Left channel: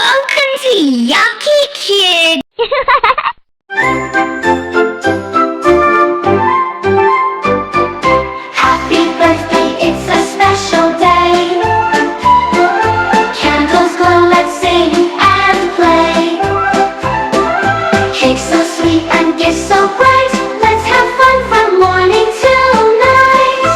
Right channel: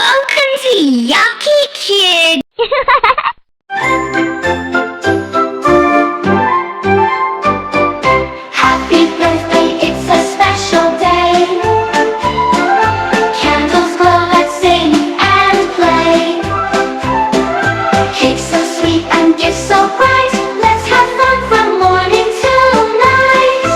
Welcome to Yakki Kid! Happy birthday, it's a special day. Candles glow, let's sing and play. Cake so sweet and gifts so bright. Let's have fun from morning till night.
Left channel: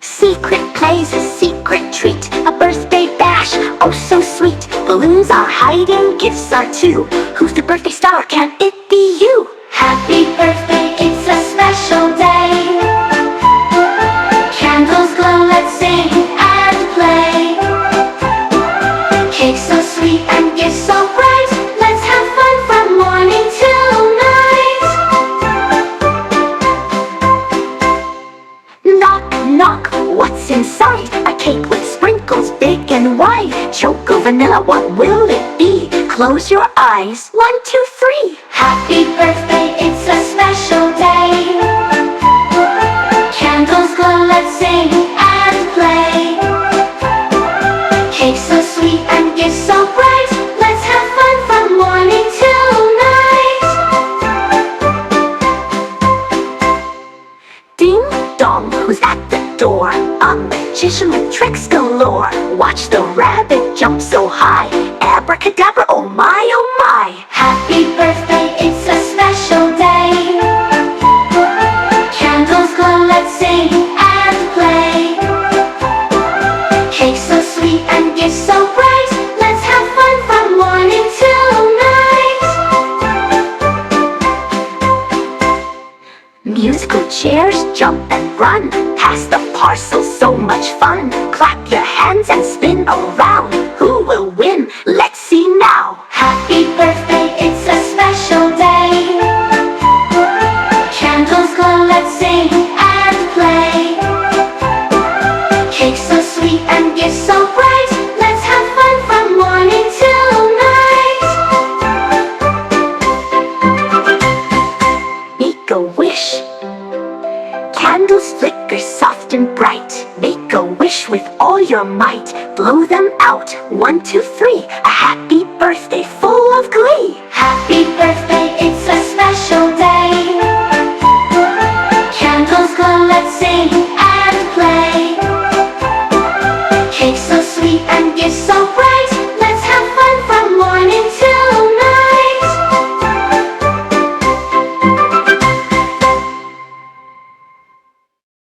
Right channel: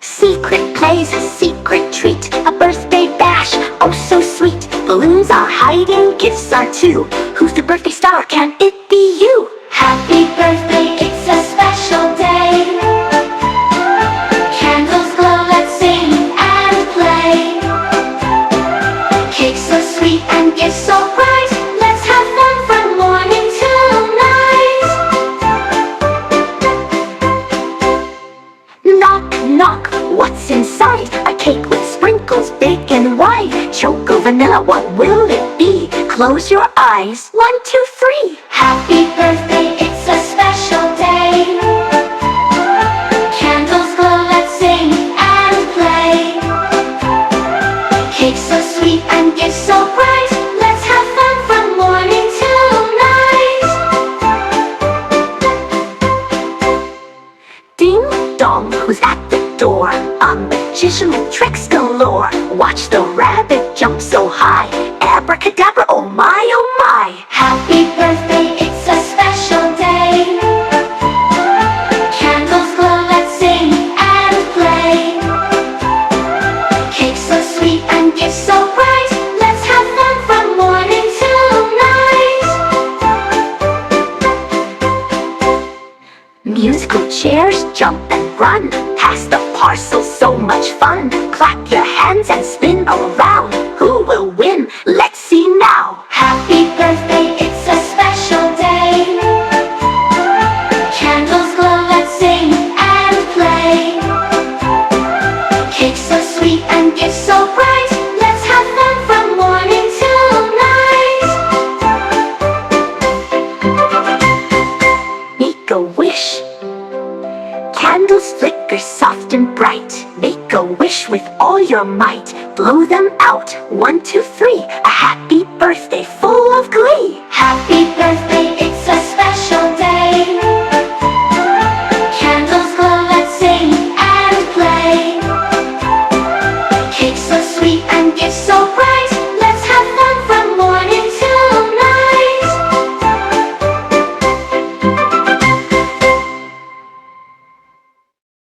Secret plays, a secret treat, a birthday bash, oh so sweet. Balloons are hiding, gifts are too. Who's the birthday star? Can it be you? Happy birthday, it's a special day. Candles glow, let's sing and play. Cake so sweet and gifts so bright. Let's have fun from morning till night. Knock, knock, what's inside? A cake with sprinkles big and wide. Choco vanilla, what will it be? Close your eyes, 1, 2, 3. Happy birthday, it's a special day. Candles glow, let's sing and play. Cake so sweet and gifts so bright. Let's have fun from morning till night. Ding dong, who's at the door? A magician with tricks galore. Watch the rabbit jump so high. Abracadabra, oh my, oh my. Happy birthday, it's a special day. Candles glow, let's sing and play. Cake so sweet and gifts so bright. Let's have fun from morning till night. Musical chairs jump and run. Pass the parcel, so much fun. Clap your hands and spin around. Who will win? Let's see now. Happy birthday, it's a special day. Candles glow, let's sing and play. Cake so sweet and gifts so bright. Let's have fun from morning till night. Make a wish. Candles flicker soft and bright. Make a wish with all your might. Blow them out, 1, 2, 3. A happy birthday full of glee. Happy birthday, it's a special day.